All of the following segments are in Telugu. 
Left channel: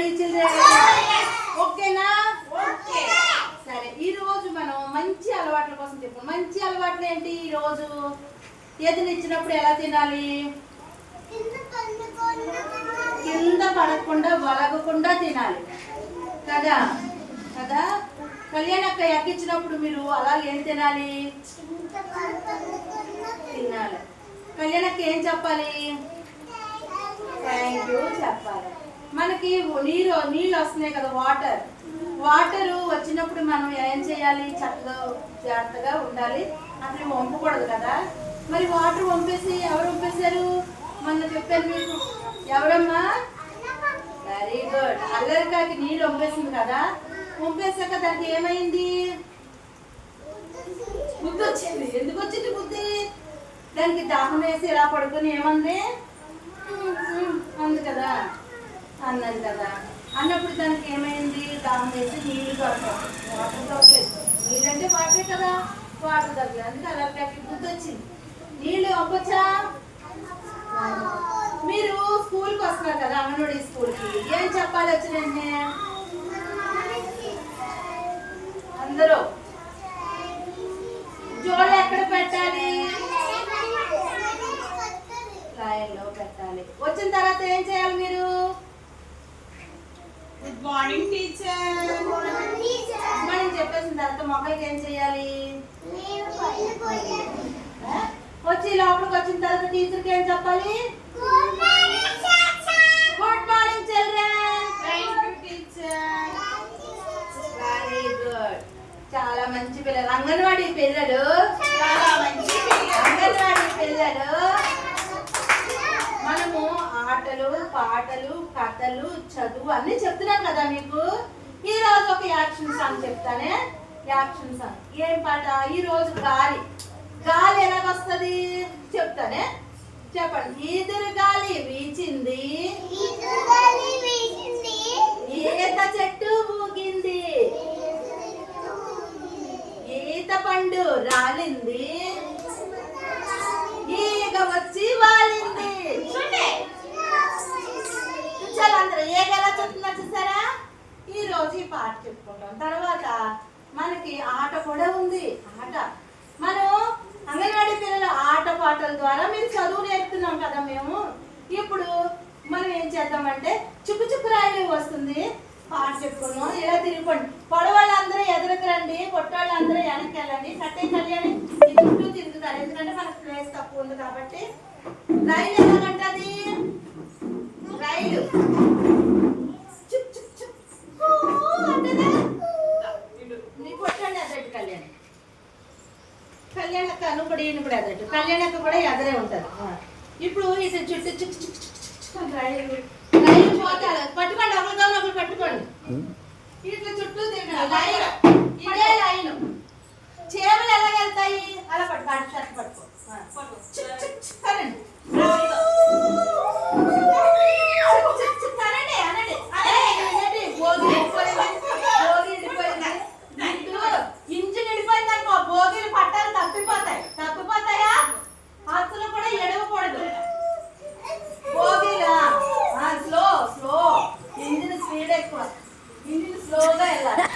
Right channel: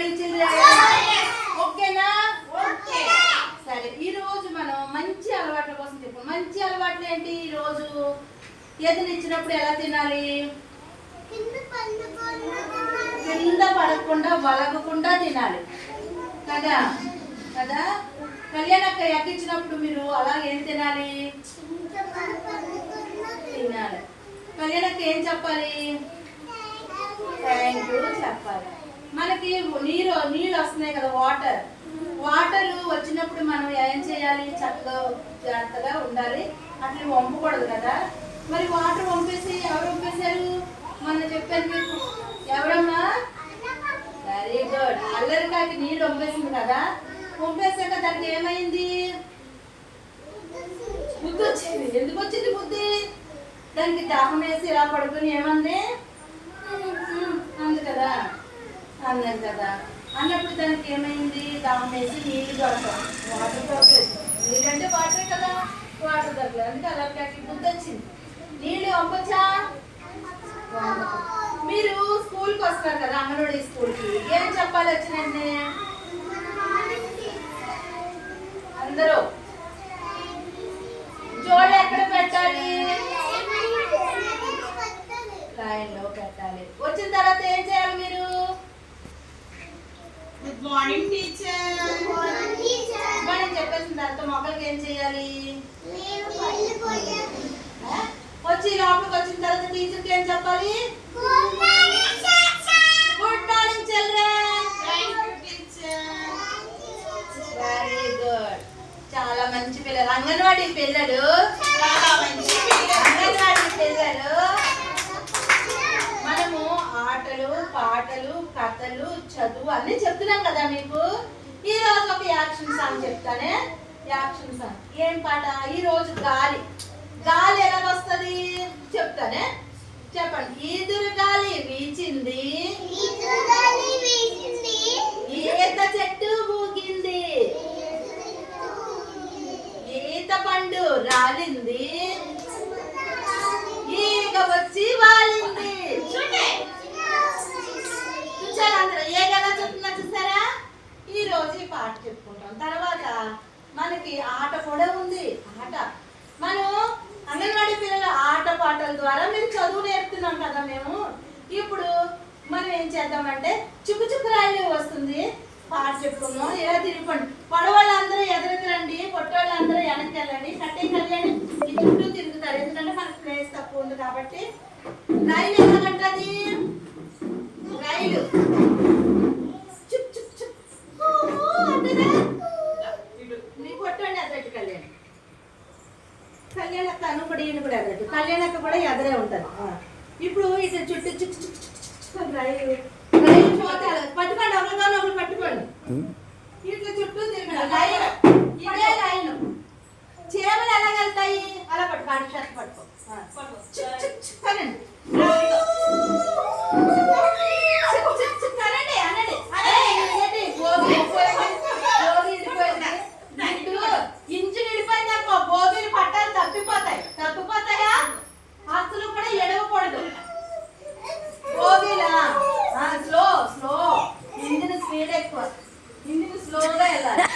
Ready children? ఓకేనా? సరే, ఈ రోజు మనం మంచి అలవాట్ల కోసం చెప్పుకోం. మంచి అలవాట్లు ఏంటి? ఈ రోజు ఎదునిచ్చినప్పుడు ఎలా తినాలి? కింద పడకుండా వలగకుండా తినాలి కదా కదా. కళ్యాణక్క ఎక్కించినప్పుడు మీరు అలా ఏం తినాలి? తినాలి. కళ్యాణక్క ఏం చెప్పాలి? థ్యాంక్ యూ చెప్పాలి. మనకి నీళ్ళు వస్తున్నాయి కదా, వాటర్ వచ్చినప్పుడు మనం ఏం చేయాలి? చక్కగా జాగ్రత్తగా ఉండాలి. అట్లా వంపకూడదు కదా. మరి వాటర్ వంపేసి ఎవరు వంపేశారు? మొన్న చెప్పాను మీకు. ఎవరమ్మా? Very good. అల్లరికాయకి నీళ్ళు వంపేసింది కదా. వంపేశాక దానికి ఏమైంది? బుద్ధి వచ్చింది. ఎందుకు వచ్చింది బుద్ధి? దానికి దాహం వేసి ఇలా పడుకుని ఏమంది? అంది కదా, అన్నది కదా. అన్నప్పుడు దానికి ఏమైంది? దాహం వేసి నీళ్ళు దొరకదు, వాటర్ దొరకలేదు. నీళ్ళంటే వాటరే కదా, వాటర్ దొరకలేదు. అందుకే అల్లరికాయకి బుద్ధి వచ్చింది. నీళ్ళు వంపొచ్చా? మీరు స్కూల్కి వస్తున్నారు కదా, అంగన్వాడీ స్కూల్కి. ఏం చెప్పాలి వచ్చినండి? అందరూ జోళ్ళు ఎక్కడ పెట్టాలి? లైన్ లో పెట్టాలి. వచ్చిన తర్వాత ఏం చేయాలి మీరు? Good morning teacher. మనం చెప్పేసిన తర్వాత మొక్కలకి ఏం చేయాలి? వచ్చి లోపలికి వచ్చిన తర్వాత టీచర్కి ఏం చెప్పాలి? Good morning children. Very good. చాలా మంచి పిల్లలు, అంగన్వాడీ పిల్లలు. అంగన్వాడీ పిల్లలు. మనము ఆటలు, పాటలు, కథలు, చదువు అన్ని చెప్తున్నాం కదా మీకు. ఈ రోజు ఒక యాక్షన్ సాంగ్ చెప్తానే. యాక్షన్ సాంగ్ ఏం పాట? ఈ రోజు గాలి. గాలి ఎలా వస్తుంది చెప్తానే. చెప్పండి. ఈదురు గాలి వీచింది, ఈత చెట్టు ఊగింది, ఈత పండు రాలింది, ఈగ వచ్చి వాలింది. చూచారు అందరూ ఈగ ఎలా చెప్తున్నా చూసారా? ఈ రోజు ఈ పాట చెప్పుకుంటాం. తర్వాత మనకి ఆట కూడా ఉంది. ఆట మనం అంగన్వాడీ పిల్లల ఆట పాటల ద్వారా మీరు చదువు నేర్పుతున్నాం కదా మేము. ఇప్పుడు మనం ఏం చేద్దామంటే చుక్కు చుక్కు రాయలు వస్తుంది, పాట చెప్పుకున్నాం. ఇలా తిరిగిపోండి. పొడవాళ్ళందరూ ఎదురెత్తరండి, పొట్టవాళ్ళందరూ వెనక్కి వెళ్ళండి. కట్టే కళ్యాణి ఈ చుట్టూ తిరుగుతారు, ఎందుకంటే మనకు ప్లేస్ తక్కువ ఉంది కాబట్టి. రైలు ఎలాగంటది? రైలు చుక్ చుక్ చుక్ అంటేనే నీ పొట్టండి ఎదురెట్టు కళ్యాణి. కళ్యాణక్క అను కూడా ఈయన కూడా ఎదరట్టు. కళ్యాణక్క కూడా ఎదరే ఉంటారు. ఇప్పుడు ఇటు చుట్టూ చుక్ చుక్ చుక్ రైలు పోతారు. పట్టుకోండి, ఒకరితో ఒకరు పట్టుకోండి. ఇట్లా చుట్టూ తిరగండి. రైలు ఇదే లైన్. చేపలు ఎలా వెళ్తాయి? అలా పట్టుకో, అటు షర్ట్ పట్టుకో. కనండి ఇంజన్ వెళ్ళిపోయింది అనుకో, భోగిలు పట్టాలు తప్పిపోతాయా? అసలు కూడా ఎడవకూడదు. భోగిలా స్లో ఇంజిన్ స్పీడ్ ఎక్కువ, ఇంజిన్ స్లోగా వెళ్ళాలి.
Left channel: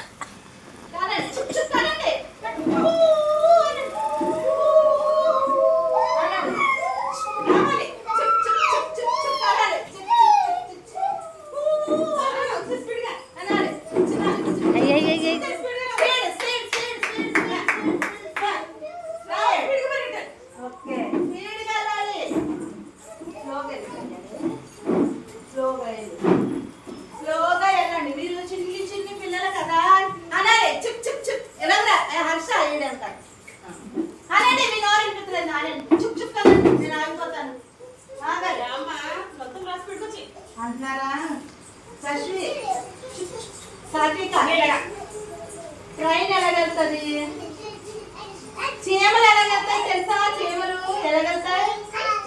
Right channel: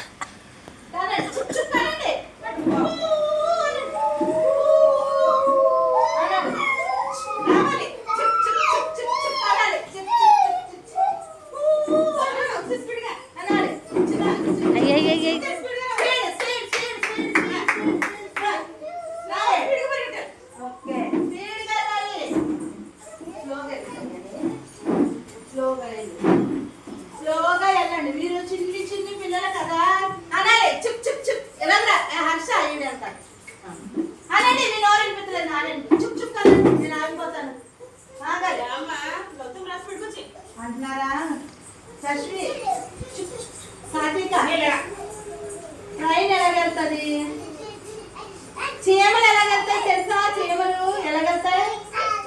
స్లోగా వెళ్ళండి. మీరు చిన్ని పిల్లలు కదా అనాలి. చుక్ చుక్ చుక్ ఎలా హర్ష అయ్యండి అంటారు. అనండి, మీ నోరు వినిపిస్తుంది. అనండి చుక్ చుక్ అనండి. నేను ఆగిపోతాను. అంటున్నారా? శశ్వి సాటిక ట్రైన్ ఎలా వెళ్తుంది? చీమలు ఎలా వెళ్తాయి తెలుసా? చీమలు ఎలా వెళ్తాయి?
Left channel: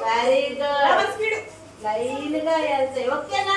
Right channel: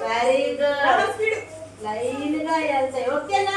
Very good. లైన్ గా వెళ్తాయి. ఓకేనా?